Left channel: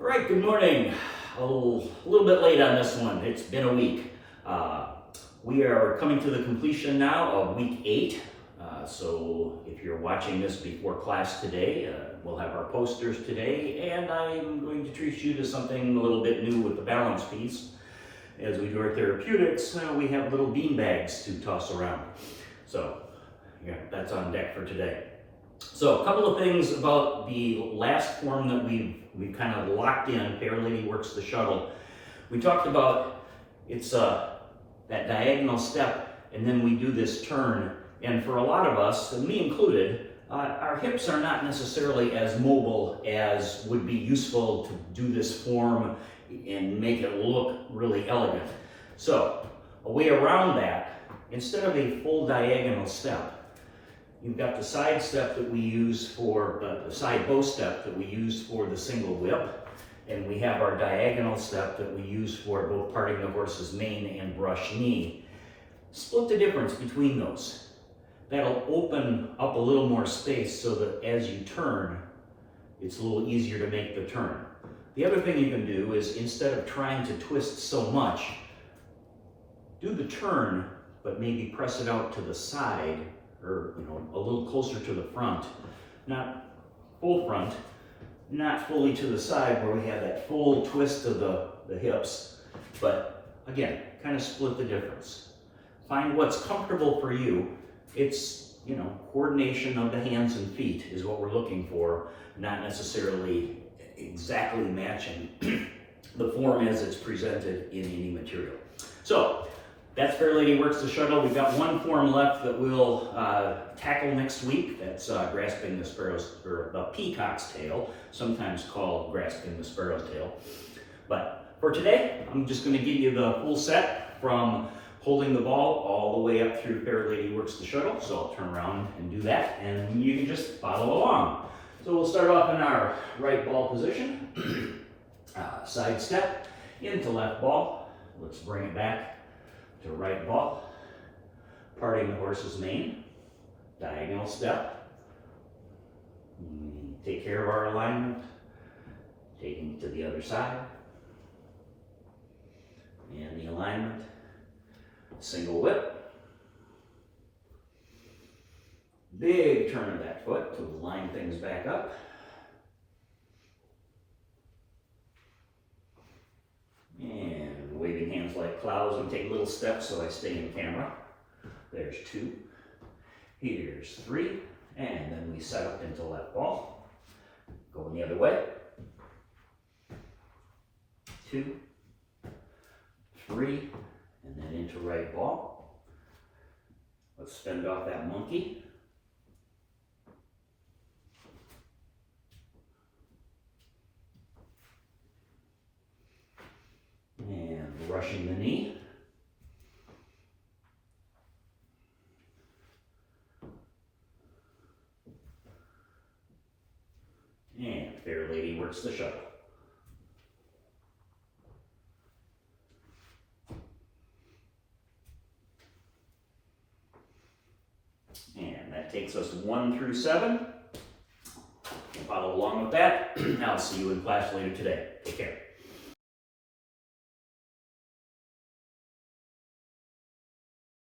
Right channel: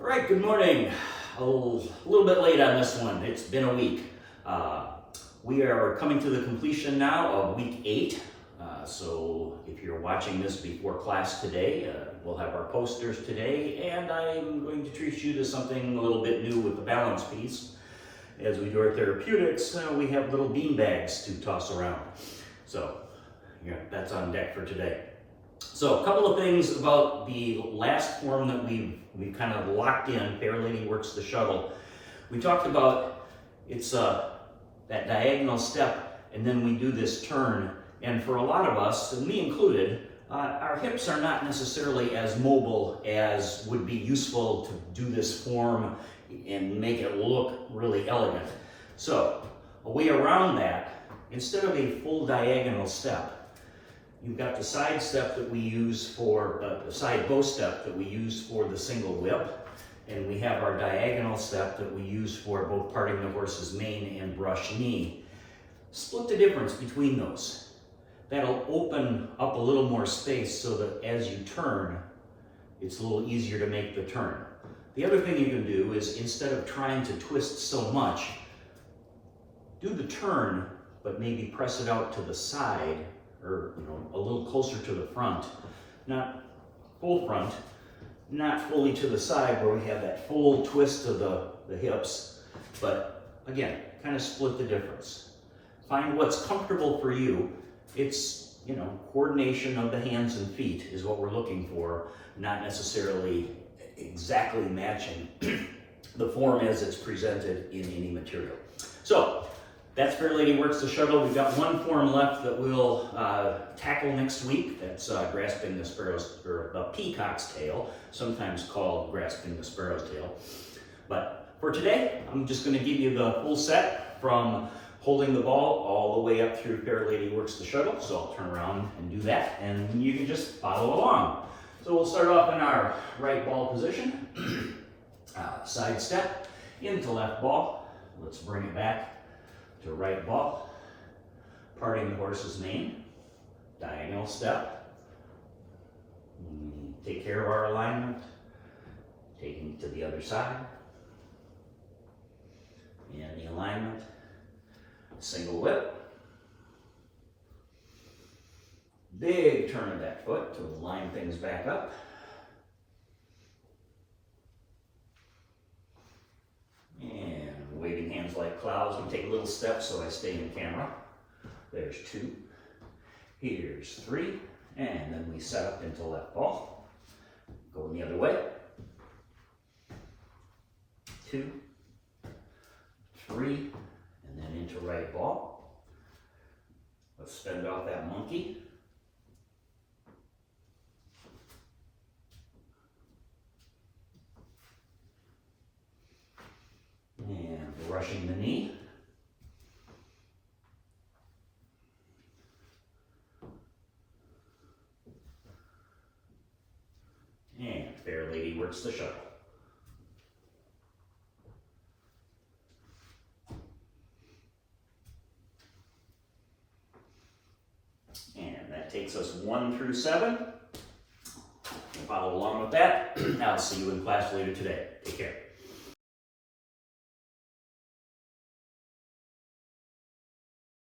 All right, good morning. A little bit late on this one. It's been a week. We are coming to the completion now of week 8. So if you're watching this before class today, we'll have our posters today, and I'm going to treat you to something a little bit new with the balance piece. As we do our therapeutics, we have little bean bags to toss around. So yeah, that's on deck for today. So a couple of things about the last form that we've kind of locked in, Fair Lady Works the Shuttle. We talked about it's that diagonal step, and then we do this turn. And for a lot of us, and me included, our hips are not necessarily as mobile as would be useful to do this form and make it look really elegant. So a way around that, instead of a full diagonal step, you've got the side step that we use for the side bow step that we use for the single whip, and we have our diagonal step that we use for both parting the horse's mane and brush knee. Split the difference between those. That'll open up a little more space so that as you turn, it's a little easier to make the turn. The other thing you can do is, instead of trying to twist so much, do the turn, but maybe press it out to the side, or a little closer to the front, not full front, not fully to the side where we have that full twist of the hips, but again, kind of split the difference. Find what's comfortable for you. It's, coordination of the hands and feet is what we're looking for, not necessarily exactly matching the form as it's presented in any material. So that's Fair Lady Works the Shuttle. We've got one form left that we'll tackle next week. That's Grasping the Sparrow's, or the Peacock's Tail, sometimes called Grasping the Sparrow's Tail. But for today, I'm just going to give you the full set from holding the ball all the way up through Fair Lady Works the Shuttle. So I'll turn around and do that, and you can just follow along. So we'll start off in our right ball position. Side step into left ball. Let's bring it back to right ball, parting the horse's mane, diagonal step. Take care of our alignment, taking it to the other side, and the alignment, single whip, big turn of that foot to line things back up, and waving hands like clouds. I'm taking little steps so I stay in camera. There's 2, here's 3, and then we set up into left ball. Going the other way. 2, 3, and then into right ball. Let's fend off that monkey. And rushing the knee. And Fair Lady Works the Shuttle. And that takes us 1 through 7. Follow along with that. I'll see you in class later today. Take care.